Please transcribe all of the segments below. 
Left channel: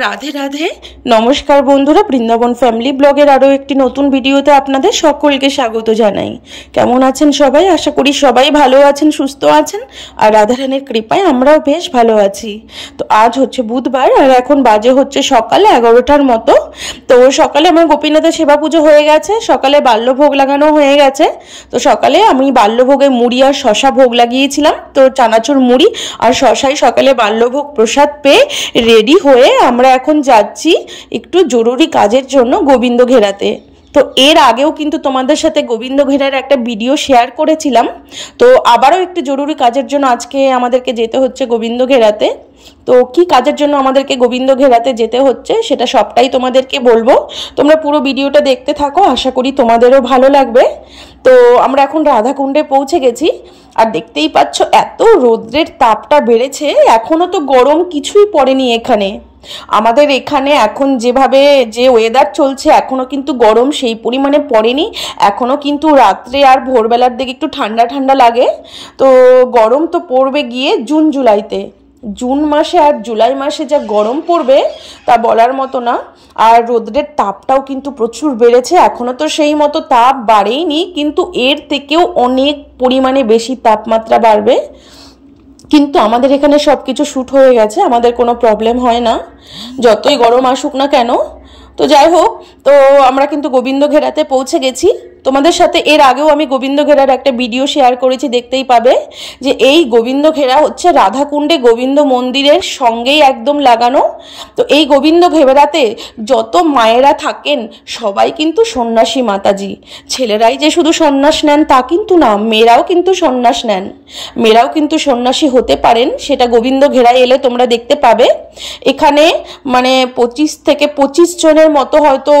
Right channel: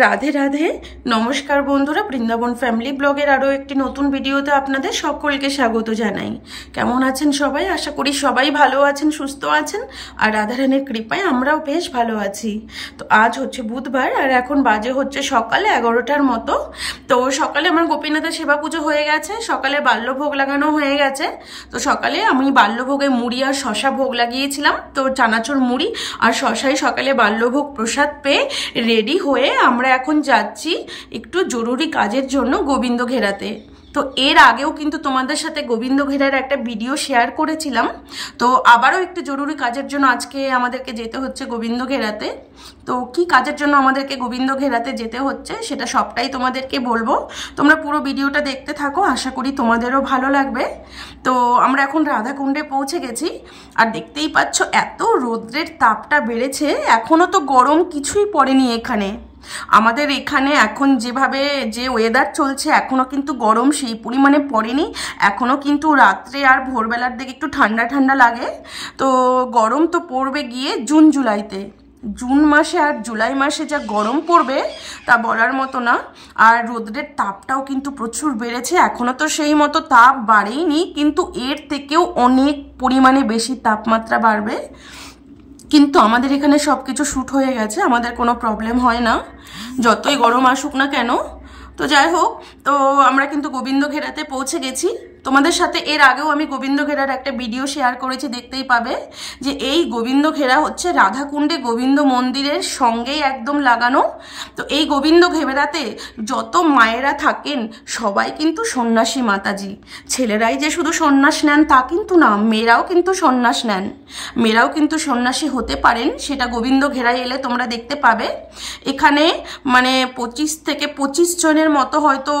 রাধে রাধে। নমস্কার বন্ধুরা, বৃন্দাবন ফ্যামিলি ব্লগের আরও একটি নতুন ভিডিওতে আপনাদের সকলকে স্বাগত জানাই। কেমন আছেন সবাই? আশা করি সবাই ভালো আছেন, সুস্থ আছেন, আর রাধারানীর কৃপায় আমরাও বেশ ভালো আছি। তো আজ হচ্ছে বুধবার, আর এখন বাজে হচ্ছে সকালে 11টার মতো। তো সকালে আমার গোপীনাথের সেবা পুজো হয়ে গেছে, সকালে বাল্যভোগ লাগানো হয়ে গেছে। তো সকালে আমি বাল্যভোগে মুড়ি আর শশা ভোগ লাগিয়েছিলাম। তো চানাচুর মুড়ি আর শশাই সকালে বাল্যভোগ প্রসাদ পেয়ে রেডি হয়ে আমরা এখন যাচ্ছি একটু জরুরি কাজের জন্য গোবিন্দ ঘেরাতে। তো এর আগেও কিন্তু তোমাদের সাথে গোবিন্দ ঘেরার একটা ভিডিও শেয়ার করেছিলাম। তো আবারও একটু জরুরি কাজের জন্য আজকে আমাদেরকে যেতে হচ্ছে গোবিন্দ ঘেরাতে। তো কি কাজের জন্য আমাদেরকে গোবিন্দ ঘেরাতে যেতে হচ্ছে সেটা সবটাই তোমাদেরকে বলবো। তোমরা পুরো ভিডিওটা দেখতে থাকো, আশা করি তোমাদেরও ভালো লাগবে। তো আমরা এখন রাধাকুণ্ডে পৌঁছে গেছি, আর দেখতেই পাচ্ছ এত রৌদ্রের তাপটা বেড়েছে, এখনও তো গরম কিছুই পড়েনি এখানে। আমাদের এখানে এখন যেভাবে যে ওয়েদার চলছে এখনও কিন্তু গরম সেই পরিমাণে পড়েনি। এখনও কিন্তু রাত্রে আর ভোরবেলার দিকে একটু ঠান্ডা ঠান্ডা লাগে। তো গরম তো পড়বে গিয়ে জুন জুলাইতে। জুন মাসে আর জুলাই মাসে যা গরম পড়বে তা বলার মতো না। আর রোদ্রের তাপটাও কিন্তু প্রচুর বেড়েছে, এখনও তো সেই মতো তাপ বাড়েইনি, কিন্তু এর থেকেও অনেক পরিমাণে বেশি তাপমাত্রা বাড়বে। কিন্তু আমাদের এখানে সব কিছু শ্যুট হয়ে গেছে, আমাদের কোনো প্রবলেম হয় না, যতই গরম আসুক না কেন। তো যাই হোক, তো আমরা কিন্তু গোবিন্দ ঘেরাতে পৌঁছে গেছি। তোমাদের সাথে এর আগেও আমি গোবিন্দ ঘেরার একটা ভিডিও শেয়ার করেছি, দেখতেই পাবে যে এই গোবিন্দ ঘেরা হচ্ছে রাধাকুণ্ডে গোবিন্দ মন্দিরের সঙ্গেই একদম লাগানো। তো এই গোবিন্দ ঘেরাতে যত মায়েরা থাকেন সবাই কিন্তু সন্ন্যাসী মাতাজি। ছেলেরাই যে শুধু সন্ন্যাস নেন তা কিন্তু না, মেয়েরাও কিন্তু সন্ন্যাস নেন, মেয়েরাও কিন্তু সন্ন্যাসী হতে পারেন। সেটা গোবিন্দ ঘেরায় এলে তোমরা দেখতে পাবে। এখানে মানে 25 থেকে 25 জনের মতো হয়তো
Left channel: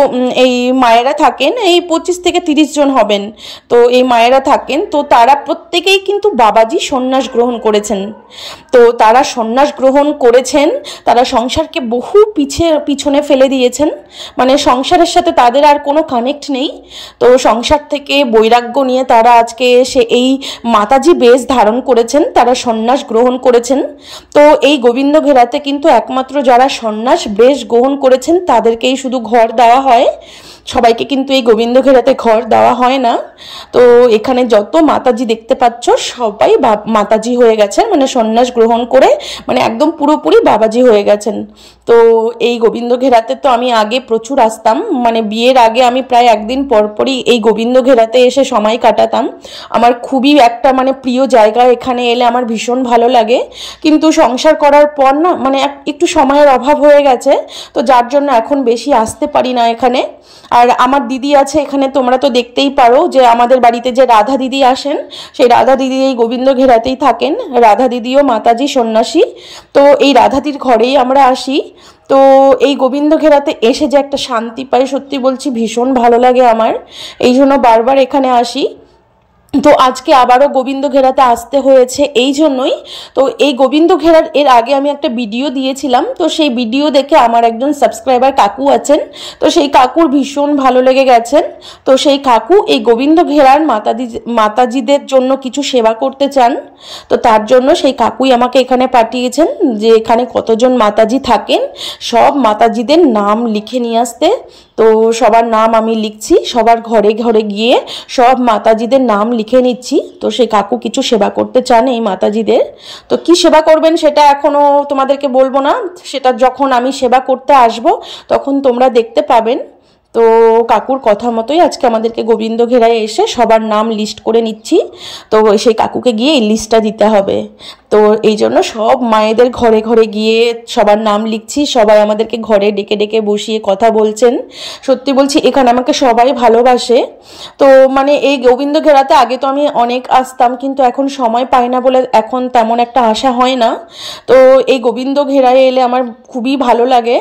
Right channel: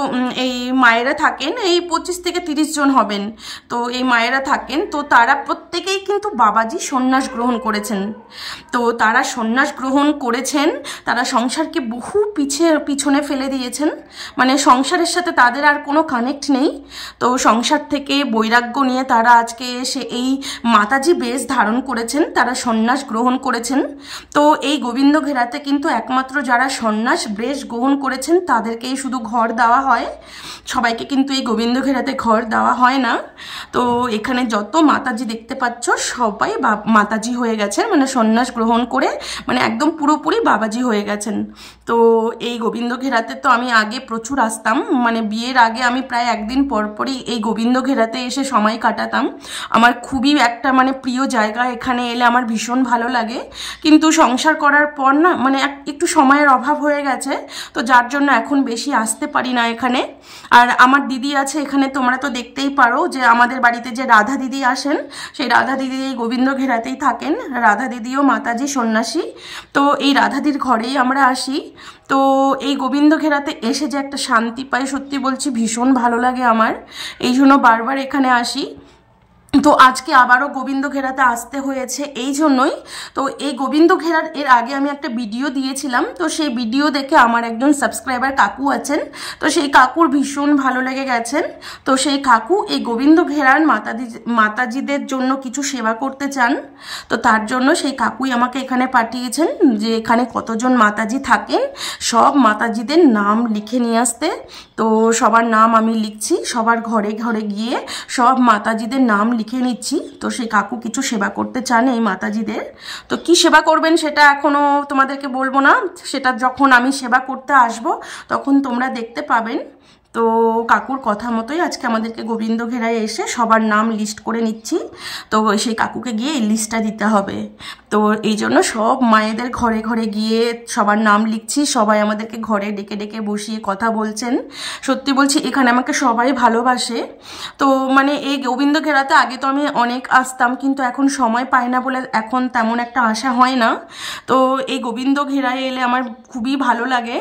এই মায়েরা থাকেন, এই 25 থেকে 30 জন হবেন। তো এই মায়েরা থাকেন, তো তারা প্রত্যেকেই কিন্তু বাবাজি সন্ন্যাস গ্রহণ করেছেন। তো তারা সন্ন্যাস গ্রহণ করেছেন, তারা সংসারকে বহু পিছনে ফেলে দিয়েছেন, মানে সংসারের সাথে তাদের আর কোনো কানেক্ট নেই। তো সংসার থেকে বৈরাগ্য নিয়ে তারা আজকে এসে এই মাতাজি বেশ ধারণ করেছেন, তারা সন্ন্যাস গ্রহণ করেছেন। তো এই গোবিন্দ ঘেরাতে কিন্তু একমাত্র যারা সন্ন্যাস বেশ গ্রহণ করেছেন তাদেরকেই শুধু ঘর দেওয়া হয়, সবাইকে কিন্তু এই গোবিন্দ ঘেরাতে ঘর দেওয়া হয় না। তো এখানে যত মাতাজি দেখতে পাচ্ছ সবাই মাতাজি হয়ে গেছেন, মানে সন্ন্যাস গ্রহণ করে মানে একদম পুরোপুরি বাবাজি হয়ে গেছেন। তো এই গোবিন্দ ঘেরাতে তো আমি আগে প্রচুর আসতাম, মানে বিয়ের আগে আমি প্রায় একদিন পরপরই এই গোবিন্দ ঘেরাতে এসে সময় কাটাতাম। আমার খুবই একটা মানে প্রিয় জায়গা, এখানে এলে আমার ভীষণ ভালো লাগে। কিন্তু সংসার করার পর না মানে একটু সময়ের অভাব হয়ে গেছে, তো যার জন্য এখন বেশি আসতে পারি না এখানে। আর আমার দিদি আছে এখানে, তোমরা তো দেখতেই পারো যে আমাদের বাড়িতে যে রাধা দিদি আসেন, সেই রাধা দিদি এই গোবিন্দ ঘেরাতেই থাকেন। রাধা দিদিও মাতাজি সন্ন্যাসী। তো এই রাধাদির ঘরেই আমরা আসি। তো এই গোবিন্দ ঘেরাতে এসে যে একটা শান্তি পাই, সত্যি বলছি ভীষণ ভালো লাগে আমার, এই জন্য বারবার এখানে আসি। তো আজকে আবারও গোবিন্দ ঘেরাতে আসতে হয়েছে এই জন্যই। তো এই গোবিন্দ ঘেরার এর আগে আমি একটা ভিডিও দিয়েছিলাম, তো সেই ভিডিও দেখে আমার একজন সাবস্ক্রাইবার কাকু আছেন, তো সেই কাকুর ভীষণ ভালো লেগে গেছেন। তো সেই কাকু এই গোবিন্দ ঘেরার মাতাজিদের জন্য কিছু সেবা করতে চান। তো তার জন্য সেই কাকুই আমাকে এখানে পাঠিয়েছেন যে এখানে কতজন মাতাজি থাকেন সব মাতাজিদের নাম লিখে নিয়ে আসতে। তো সবার নাম আমি লিখছি, সবার ঘরে ঘরে গিয়ে সব মাতাজিদের নাম লিখে নিচ্ছি। তো সেই কাকু কিছু সেবা করতে চান এই মাতাজিদের। তো কি সেবা করবেন সেটা এখনও তোমাদেরকে বলবো না, সেটা যখন আমি সেবা করতে আসব তখন তোমরা দেখতে পাবেন। তো কাকুর কথা মতোই আজকে আমাদেরকে গোবিন্দ ঘেরায় এসে সবার নাম লিস্ট করে নিচ্ছি। তো সেই কাকুকে গিয়ে এই লিস্টটা দিতে হবে। তো এই জন্য সব মায়েদের ঘরে ঘরে গিয়ে সবার নাম লিখছি, সবাই আমাদেরকে ঘরে ডেকে ডেকে বসিয়ে কথা বলছেন। সত্যি বলছি এখানে আমাকে সবাই ভালোবাসে। তো মানে এই গোবিন্দ ঘেরাতে আগে তো আমি অনেক আসতাম, কিন্তু এখন সময় পাই না বলে এখন তেমন একটা আসা হয় না। তো এই গোবিন্দ ঘেরায় এলে আমার খুবই ভালো লাগে,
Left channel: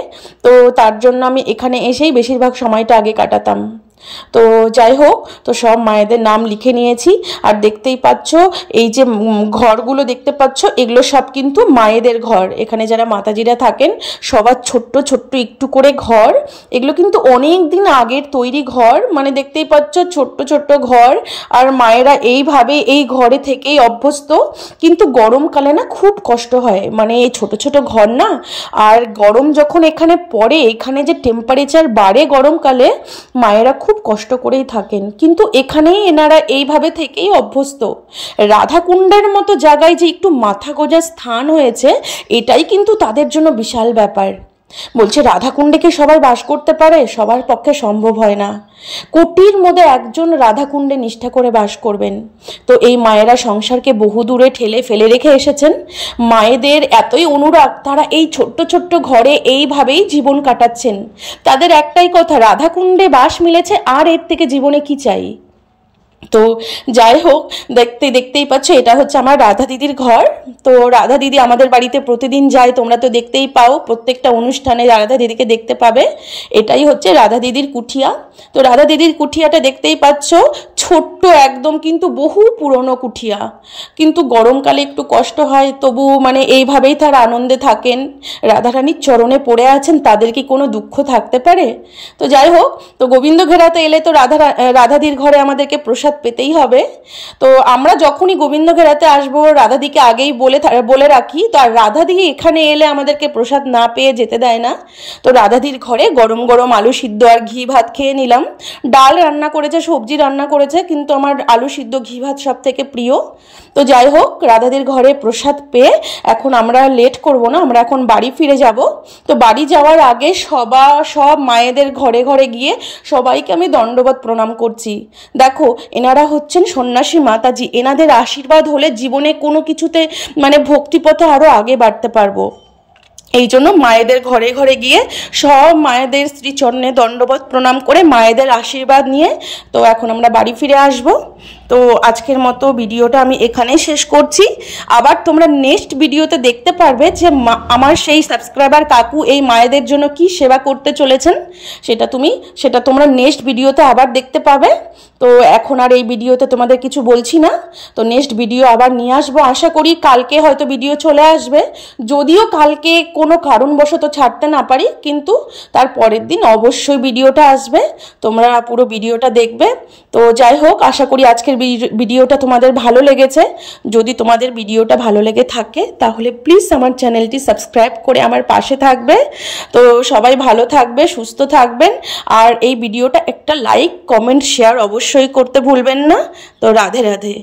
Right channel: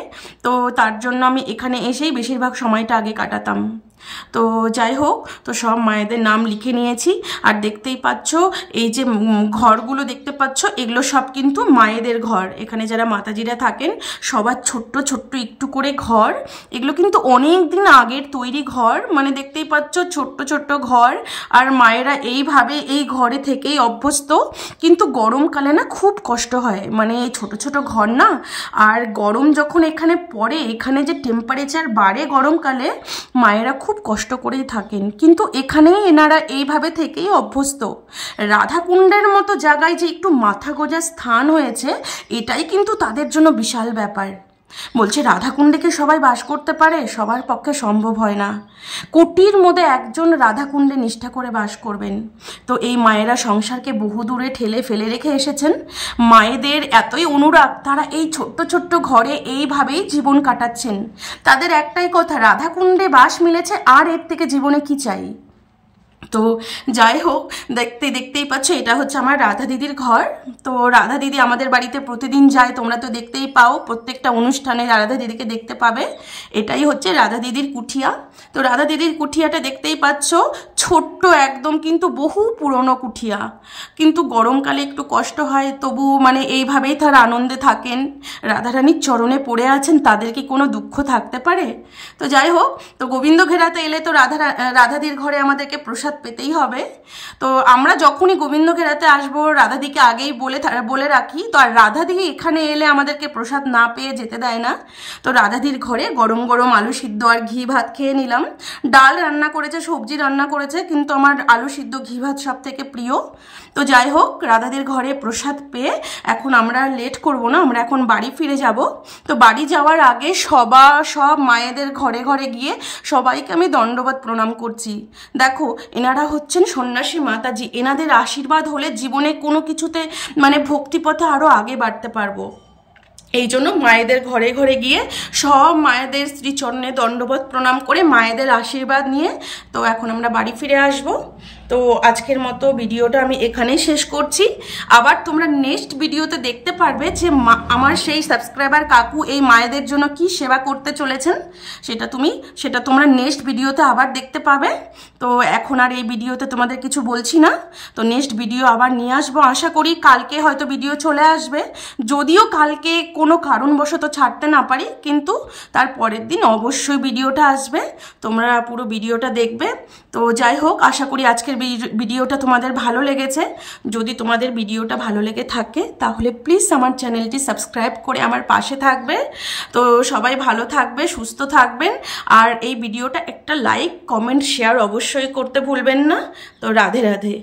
তো তার জন্য আমি এখানে এসেই বেশিরভাগ সময়টা আগে কাটাতাম। তো যাই হোক, তো সব মায়েদের নাম লিখে নিয়েছি। আর দেখতেই পাচ্ছ এই যে ঘরগুলো দেখতে পাচ্ছ, এগুলো সব কিন্তু মায়েদের ঘর। এখানে যারা মাতাজিরা থাকেন সবার ছোট্ট ছোট্ট একটু করে ঘর। এগুলো কিন্তু অনেক দিন আগের তৈরি ঘর, মানে দেখতেই পাচ্ছ ছোট্ট ছোট্ট ঘর। আর মায়েরা এইভাবে এই ঘরে থেকেই অভ্যস্ত। কিন্তু গরমকালে না খুব কষ্ট হয়, মানে এই ছোট ছোট ঘর না, আর গরম যখন এখানে পড়ে, এখানে যে টেম্পারেচার বাড়ে গরমকালে, মায়েরা খুব কষ্ট করেই থাকেন। কিন্তু এখানেই এনারা এইভাবে থেকেই অভ্যস্ত। রাধাকুণ্ডের মতো জায়গায় যে একটু মাথা গোঁজার স্থান হয়েছে, এটাই কিন্তু তাদের জন্য বিশাল ব্যাপার। বলছে রাধাকুণ্ডে কি সবাই বাস করতে পারে? সবার পক্ষে সম্ভব হয় না। কোটির মধ্যে একজন রাধাকুণ্ডে নিষ্ঠা করে বাস করবেন। তো এই মায়েরা সংসারকে বহু দূরে ঠেলে ফেলে রেখে এসেছেন। মায়েদের এতই অনুরাগ, তারা এই ছোট্ট ছোট্ট ঘরে এইভাবেই জীবন কাটাচ্ছেন। তাদের একটাই কথা, রাধাকুণ্ডে বাস মিলেছে, আর এর থেকে জীবনে কি চাই। তো যাই হোক, দেখতেই পাচ্ছ এটা হচ্ছে আমার রাধা দিদির ঘর। তো রাধা দিদি আমাদের বাড়িতে প্রতিদিন যায়, তোমরা তো দেখতেই পাও, প্রত্যেকটা অনুষ্ঠানে রাধা দিদিকে দেখতে পাবে। এটাই হচ্ছে রাধা দিদির কুঠিয়া। তো রাধা দিদির কুঠিয়াটা দেখতেই পাচ্ছ, ছোট্ট একদম, কিন্তু বহু পুরনো কুঠিয়া। কিন্তু গরমকালে একটু কষ্ট হয়, তবু মানে এইভাবেই তারা আনন্দে থাকেন। রাধারানীর চরণে পড়ে আছেন, তাদের কি কোনো দুঃখ থাকতে পারে? তো যাই হোক, তো গোবিন্দ ঘেরাতে এলে তো রাধাদির ঘরে আমাদেরকে প্রসাদ পেতেই হবে। তো আমরা যখনই গোবিন্দ ঘেরাতে আসবো, রাধাদিকে আগেই বলে রাখি। তো আর রাধাদি এখানে এলে আমাদেরকে প্রসাদ না পেয়ে যেতে দেয় না। তো রাধাদির ঘরে গরম গরম আলু সিদ্ধ আর ঘি ভাত খেয়ে নিলাম। ডাল রান্না করেছে, সবজি রান্না করেছে, কিন্তু আমার আলু সিদ্ধ ঘি ভাত সব থেকে প্রিয়। তো যাই হোক, রাধাদির ঘরে প্রসাদ পেয়ে এখন আমরা লেট করব না, আমরা এখন বাড়ি ফিরে যাব। তো বাড়ি যাওয়ার আগে সব মায়েদের ঘরে ঘরে গিয়ে সবাইকে আমি দণ্ডবত প্রণাম করছি। দেখো, এনারা হচ্ছেন সন্ন্যাসী মাতাজি। এনাদের আশীর্বাদ হলে জীবনে কোনো কিছুতে মানে ভক্তিপথে আরও আগে বাড়তে পারবো। এই জন্য মায়েদের ঘরে ঘরে গিয়ে সব মায়েদের শ্রীচরণে দণ্ডবত প্রণাম করে মায়েদের আশীর্বাদ নিয়ে তো এখন আমরা বাড়ি ফিরে আসব। তো আজকের মতো ভিডিওটা আমি এখানেই শেষ করছি। আবার তোমরা নেক্সট ভিডিওতে দেখতে পারবে যে আমার সেই সাবস্ক্রাইবার কাকু এই মায়েদের জন্য কি সেবা করতে চলেছেন, সেটা তোমরা নেক্সট ভিডিওতে আবার দেখতে পাবে। তো এখন আর এই ভিডিওতে তোমাদের কিছু বলছি না। তো নেক্সট ভিডিও আবার নিয়ে আসবো, আশা করি কালকে হয়তো ভিডিও চলে আসবে। যদিও কালকে কোনো কারণবশত ছাড়তে না পারি, কিন্তু তার পরের দিন অবশ্যই ভিডিওটা আসবে, তোমরা পুরো ভিডিওটা দেখবে। তো যাই হোক, আশা করি আজকের ভিডিওটা তোমাদের ভালো লেগেছে। যদি তোমাদের ভিডিওটা ভালো লেগে থাকে তাহলে প্লিজ আমার চ্যানেলটি সাবস্ক্রাইব করে আমার পাশে থাকবে। তো সবাই ভালো থাকবে, সুস্থ থাকবেন। আর এই ভিডিওটা একটা লাইক, কমেন্ট, শেয়ার অবশ্যই করতে ভুলবেন না। তো রাধে রাধে।